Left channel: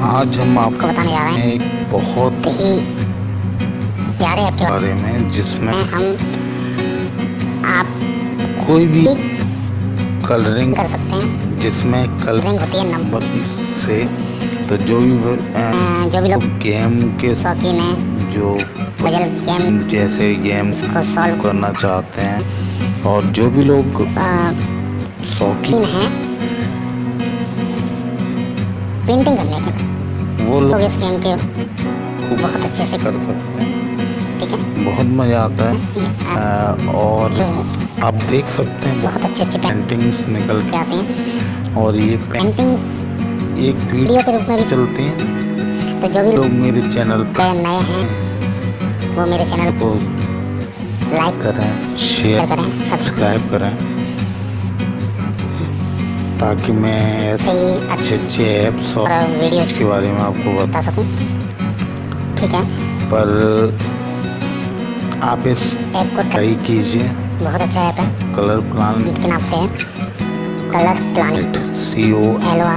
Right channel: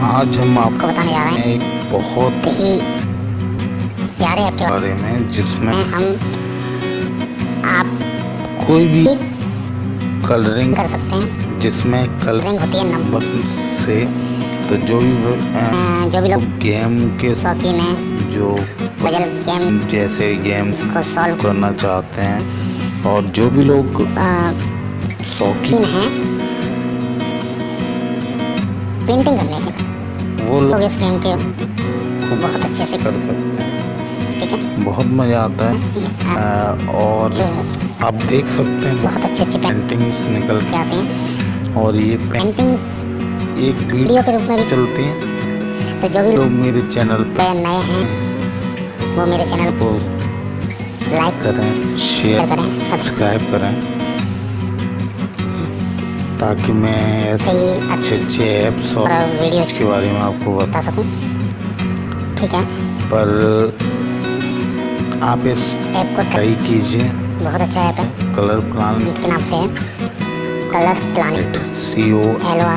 आज हम आपको बताने जा रहे हैं एक बहुत ही प्यारे ऐप के बारे में, जिसमें हम आप कोई भी कलरिंग कर सकते हैं। जिसमें कलरिंग होती है नंबर से, तो जो भी लोग गेम के शौकीन हैं, जो पजल गेम जैसे गेम्स को सॉल्व करना चाहते हैं, और जो भी लोग शौकीन हैं पेंटिंग करने के, वो लोग इस गेम के खूब बहुत अच्छे से कर सकते हैं। ठीक है, बहुत मज़ा आता है। और आप देख सकते हैं बहुत अच्छे पेंटिंग्स निकल के आते हैं, और ये पेंटिंग एक वीडियो के रूप में भी चलती हैं। तो जो भी लोग मेरे चैनल पर नए हैं वो मेरे चैनल को लाइक करें, शेयर करें, सब्सक्राइब करें, ताकि मैं ऐसे अच्छे ऐप्स और वीडियोस के बारे में आपको बता सकूं। ठीक है, पर आप इस ऐप को ट्राई कीजिए। बहुत अच्छा ऐप है, कलर प्लानेट के नाम से है। Colour planet, COLRPLANET।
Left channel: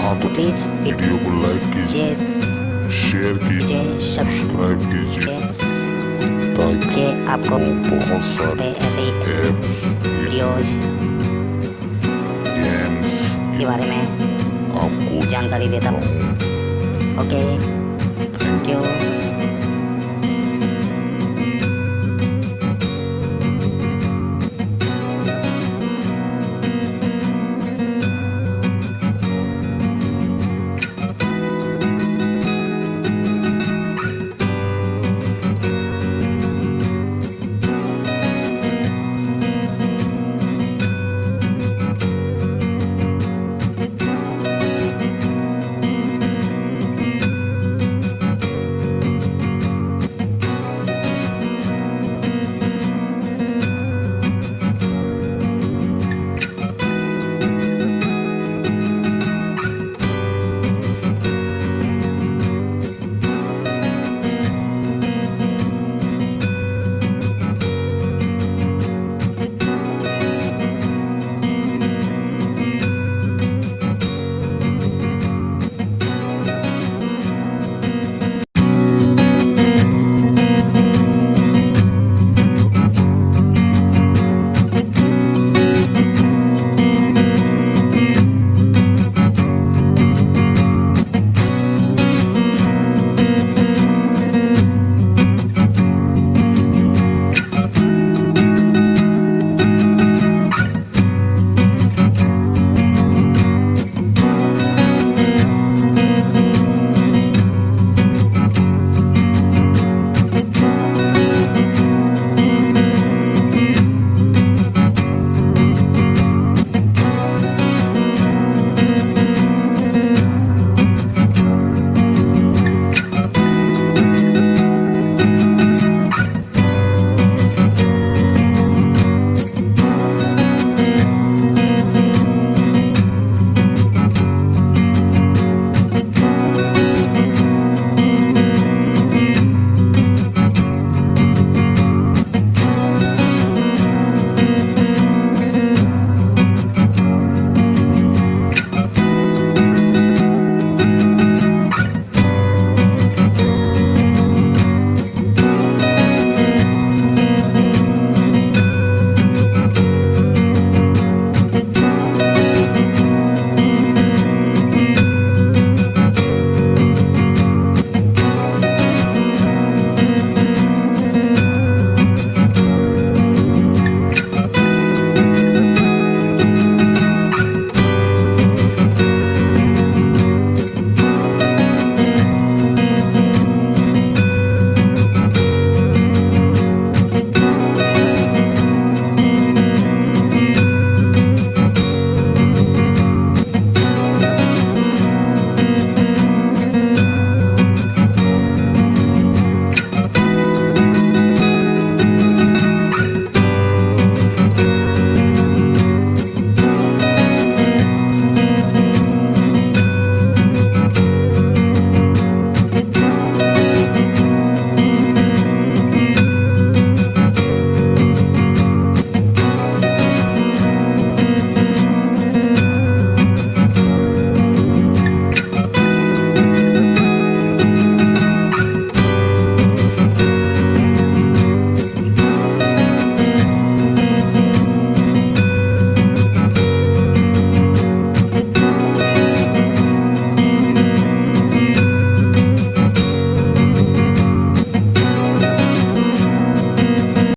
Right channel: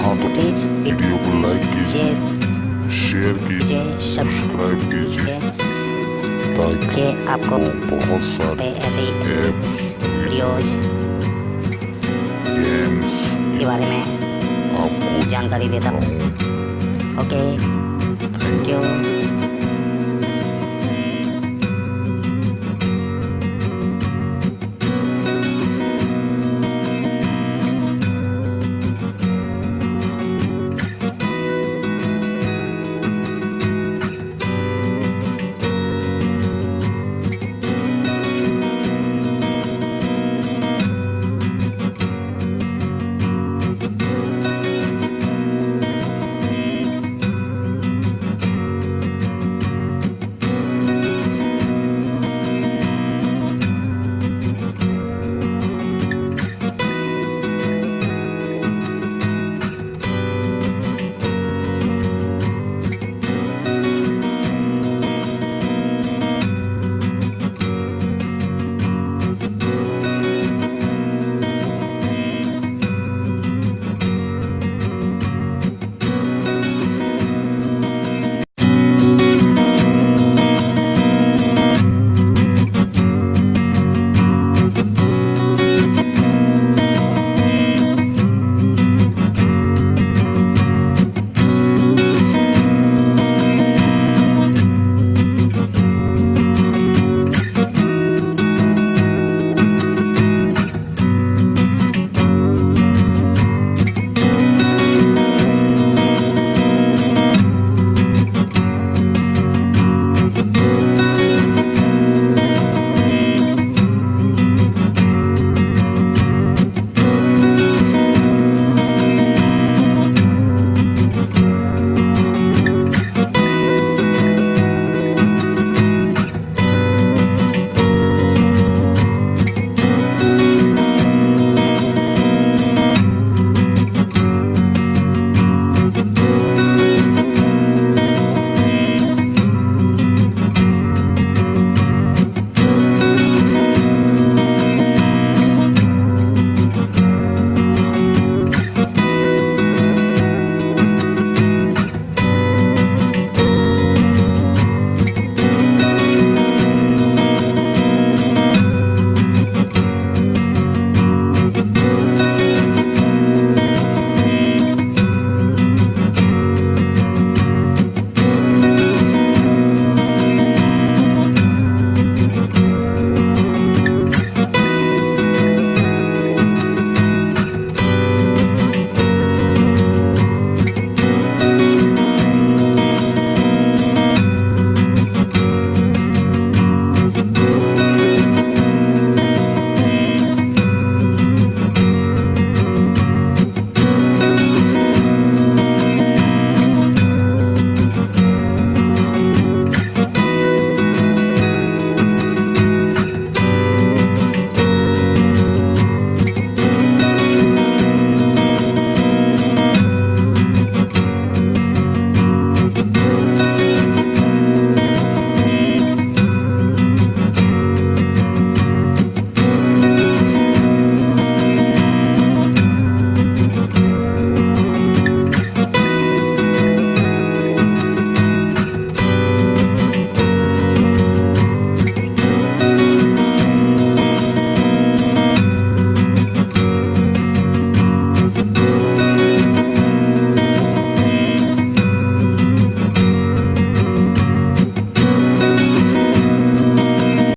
हाँ, तो प्लीज वीडियो को लाइक कीजिए, शेयर कीजिए, सब्सक्राइब कीजिए, ताकि आपको बहुत सारे ऐसे ऐप्स, वीडियोज गेम्स के बारे में आपको जानकारी देता हूँ। Okay, thank you.